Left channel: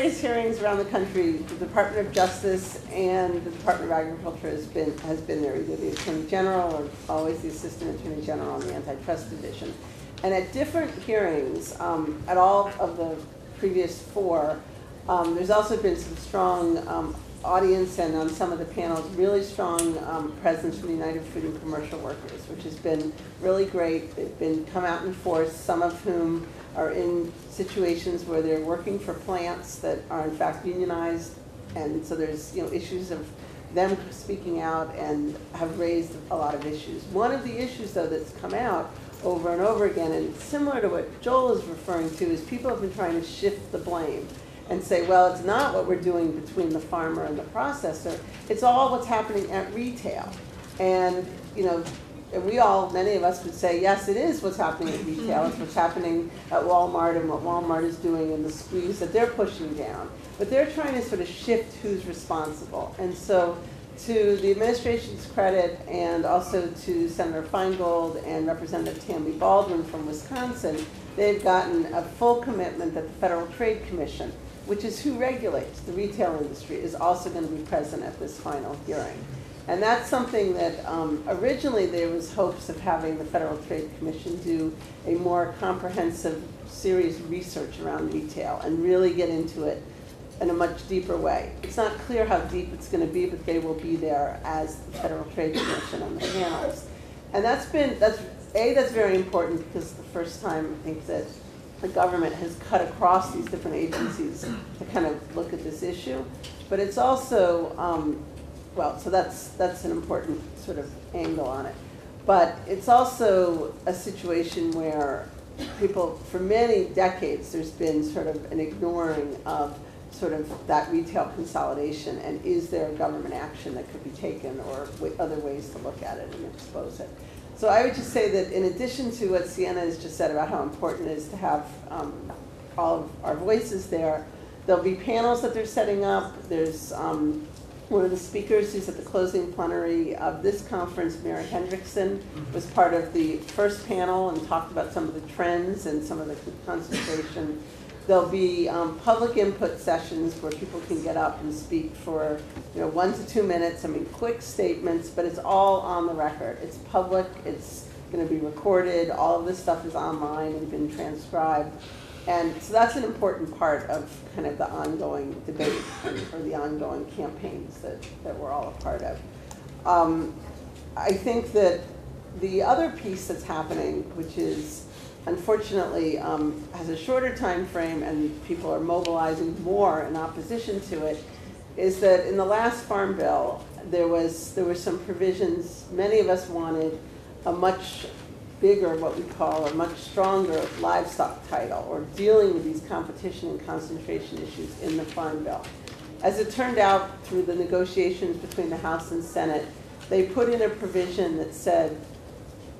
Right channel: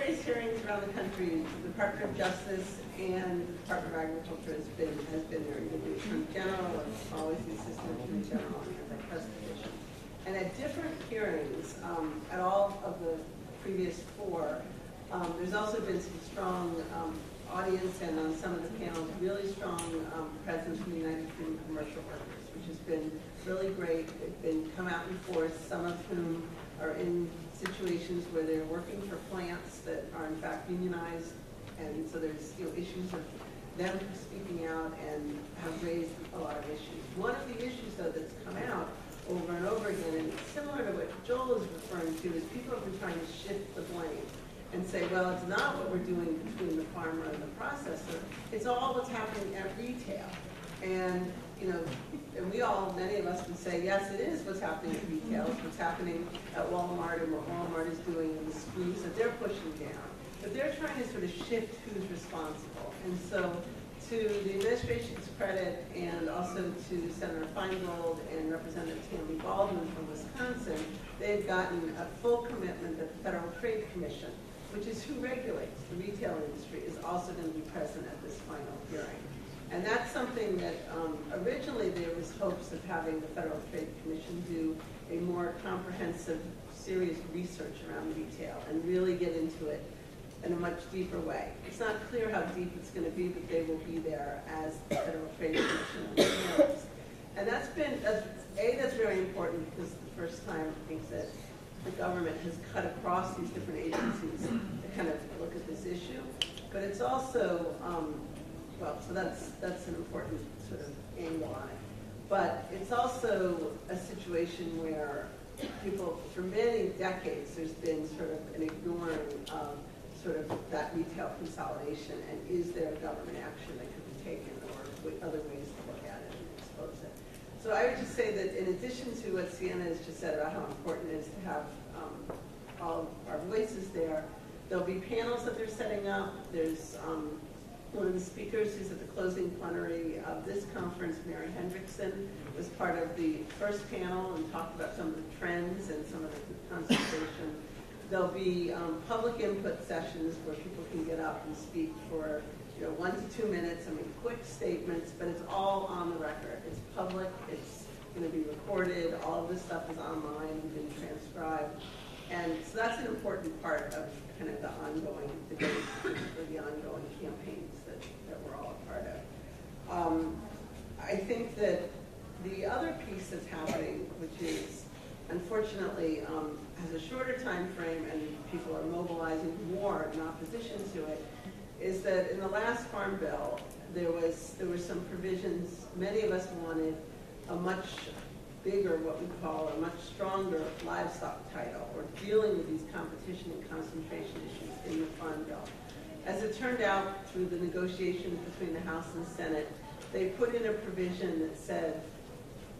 various hearings around the country, the Department of Justice and the Department of Agriculture has been there, either the Attorney General or always the Assistant Attorney General on the Antitrust Division. And at different hearings, at all of the previous four, there's also been some strong audience, and on some of the panels, really strong presence from the United Fruit and Commercial Workers, which has been really great. They've been come out in force, some of whom are in situations where they're working for plants that are in fact unionized, and so there's issues of them speaking out and have raised a lot of issues. One of the issues though that's come out over and over again, and similar to what Joel is referring to, is people have been trying to shift the blame and say, well, it's not what we're doing between the farmer and the processor, it's all what's happening at retail. And and we all, many of us would say, yes, it is what's happening at retail. It's what's happening at Walmart and what Walmart is doing and the squeeze that they're pushing down. But they're trying to sort of shift who's responsible. And so to the administration's credit, and also to Senator Feingold and Representative Tammy Baldwin from Wisconsin, they've gotten a full commitment that the Federal Trade Commission, which is who regulates the retail industry, is also going to be present at this final hearing. And that's something that originally there was hopes of having the Federal Trade Commission do a more comprehensive, serious research around retail and really get into it in a much deeper way. It's not clear how deep it's going to be, but they will be there as the Federal Trade Commission and the panelists. And that's very important, because the first time I think that the government has cut across these different agencies to kind of look at this issue. But it's also so that's an important sort of angle on it. But it's also a situation where people, for many decades, there's been sort of an ignoring of sort of that retail consolidation, and is there government action that could be taken, or other ways to look at it and expose it. So I would just say that in addition to what Sienna has just said about how important it is to have all of our voices there, there'll be panels that they're setting up. There's one of the speakers who's at the closing plenary of this conference, Mary Hendrickson, was part of the first panel and talked about some of the trends and some of the concentration. There'll be public input sessions where people can get up and speak for 1 to 2 minutes. I mean, quick statements, but it's all on the record. It's public. It's going to be recorded. All of this stuff is online and been transcribed. And so that's an important part of kind of the ongoing debate or the ongoing campaigns that we're all a part of. I think that the other piece that's happening, which is unfortunately has a shorter time frame and people are mobilizing more in opposition to it, is that in the last Farm Bill, there were some provisions. Many of us wanted a much bigger, what we call a much stronger livestock title, or dealing with these competition and concentration issues in the Farm Bill. As it turned out, through the negotiations between the House and Senate, they put in a provision that said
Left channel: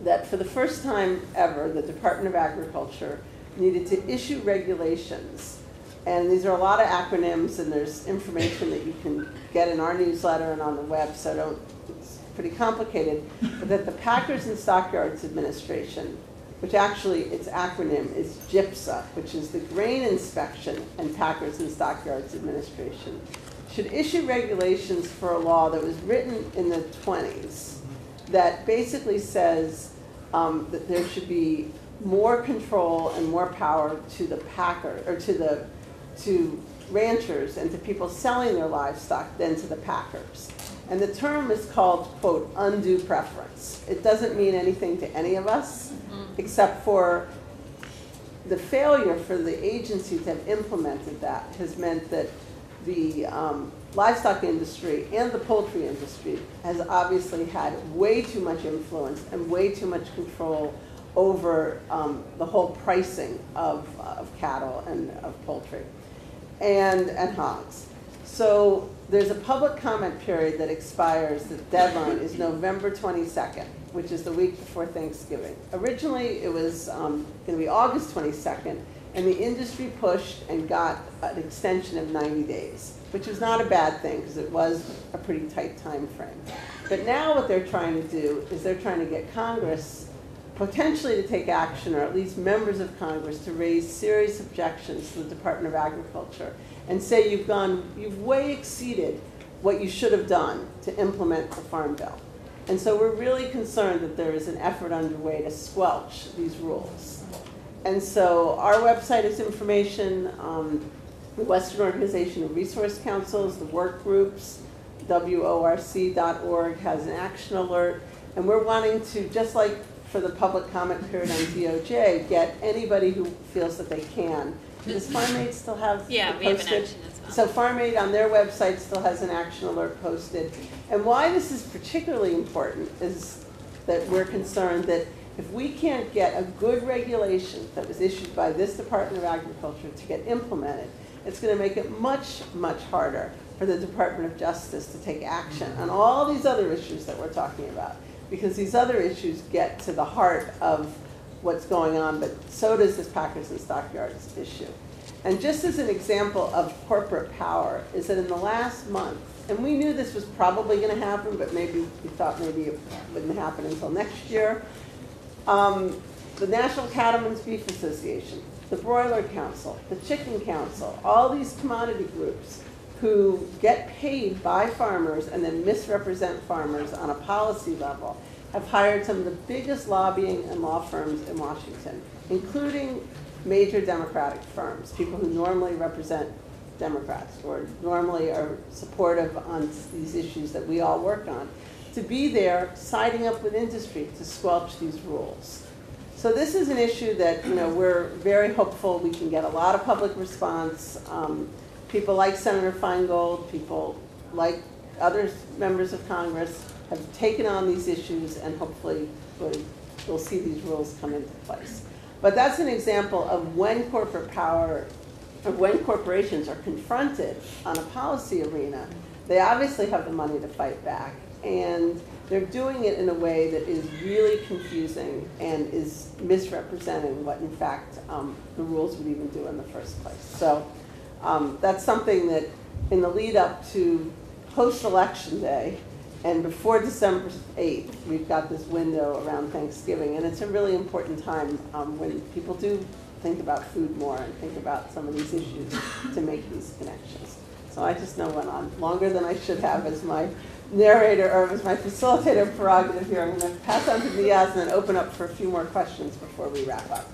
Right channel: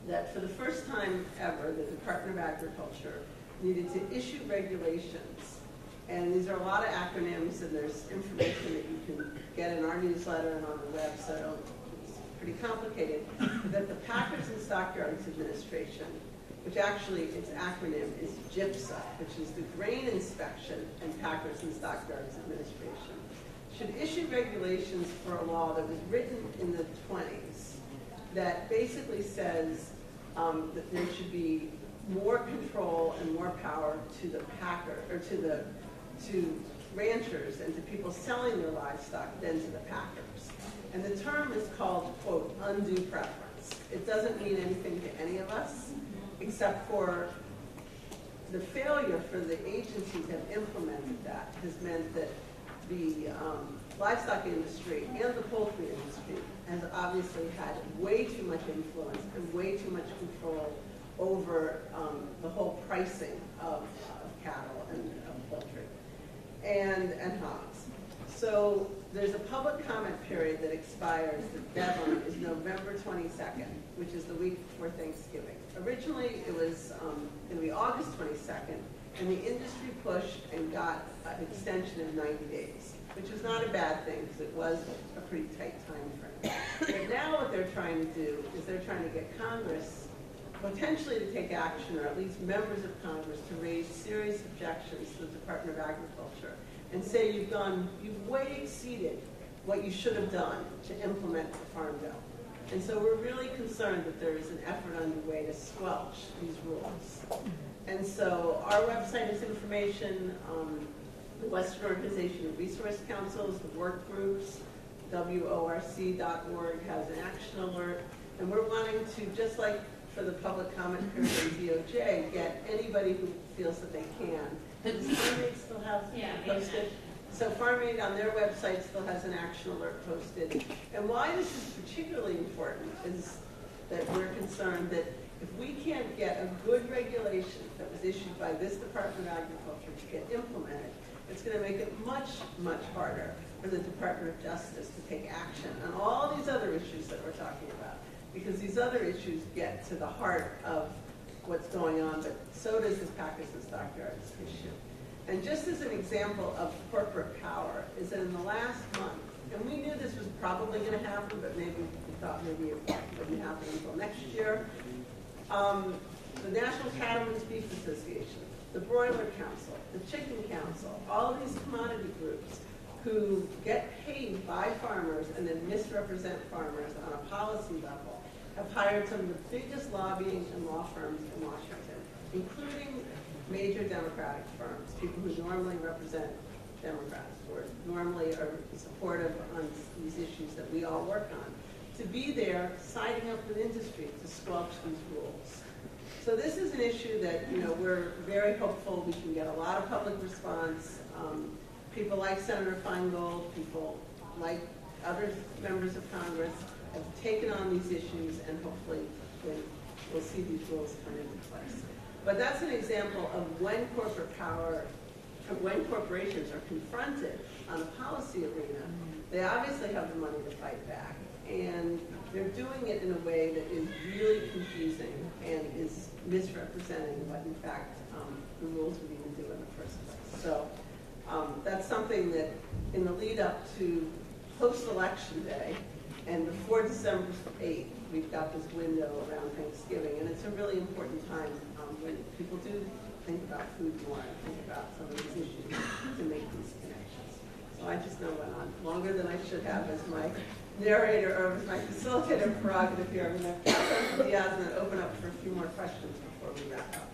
that for the first time ever, the Department of Agriculture needed to issue regulations. And these are a lot of acronyms, and there's information that you can get in our newsletter and on the web, so it's pretty complicated, but that the Packers and Stockyards Administration, which actually its acronym is GIPSA, which is the Grain Inspection and Packers and Stockyards Administration, should issue regulations for a law that was written in the 20s that basically says that there should be more control and more power to the packer, or to ranchers and to people selling their livestock than to the packers. And the term is called, quote, undue preference. It doesn't mean anything to any of us, except for the failure for the agency to have implemented that has meant that the livestock industry and the poultry industry has obviously had way too much influence and way too much control over the whole pricing of cattle and of poultry and hogs. So there's a public comment period that expires. The deadline is November 22nd, which is the week before Thanksgiving. Originally, it was going to be August 22nd, and the industry pushed and got an extension of 90 days, which was not a bad thing because it was a pretty tight time frame. But now what they're trying to do is they're trying to get Congress potentially to take action, or at least members of Congress to raise serious objections to the Department of Agriculture and say you've way exceeded what you should have done to implement the Farm Bill. And so we're really concerned that there is an effort underway to squelch these rules. And so our website is information, the Western Organization of Resource Councils, the work groups, WORC.org has an action alert, and we're wanting to, just like for the public comment period on DOJ, get anybody who feels that they can. Does Farm Aid still have Yeah, we have an action as well. So Farm Aid on their website still has an action alert posted. And why this is particularly important is that we're concerned that if we can't get a good regulation that was issued by this Department of Agriculture to get implemented, it's going to make it much, much harder for the Department of Justice to take action on all these other issues that we're talking about. Because these other issues get to the heart of what's going on, but so does this Packers and Stockyards issue. And just as an example of corporate power is that in the last month, and we knew this was probably going to happen, but maybe we thought maybe it wouldn't happen until next year, the National Cattlemen's Beef Association, the Broiler Council, the Chicken Council, all these commodity groups who get paid by farmers and then misrepresent farmers on a policy level have hired some of the biggest lobbying and law firms in Washington, including major Democratic firms, people who normally represent Democrats or normally are supportive on these issues that we all work on, to be there siding up with industry to squelch these rules. So this is an issue that we're very hopeful we can get a lot of public response. People like Senator Feingold, people like other members of Congress have taken on these issues, and hopefully we'll see these rules come into place. But that's an example of when corporate power, or when corporations are confronted on a policy arena, they obviously have the money to fight back. And they're doing it in a way that is really confusing and is misrepresenting what, in fact, the rules would even do in the first place. So that's something that in the lead up to post-election day and before December 8th, we've got this window around Thanksgiving. And it's a really important time when people do think about food more and think about some of these issues to make these connections. So I just know went on longer than I should have as my narrator or as my facilitator prerogative here. I'm going to pass on to Diaz and then open up for a few more questions before we wrap up.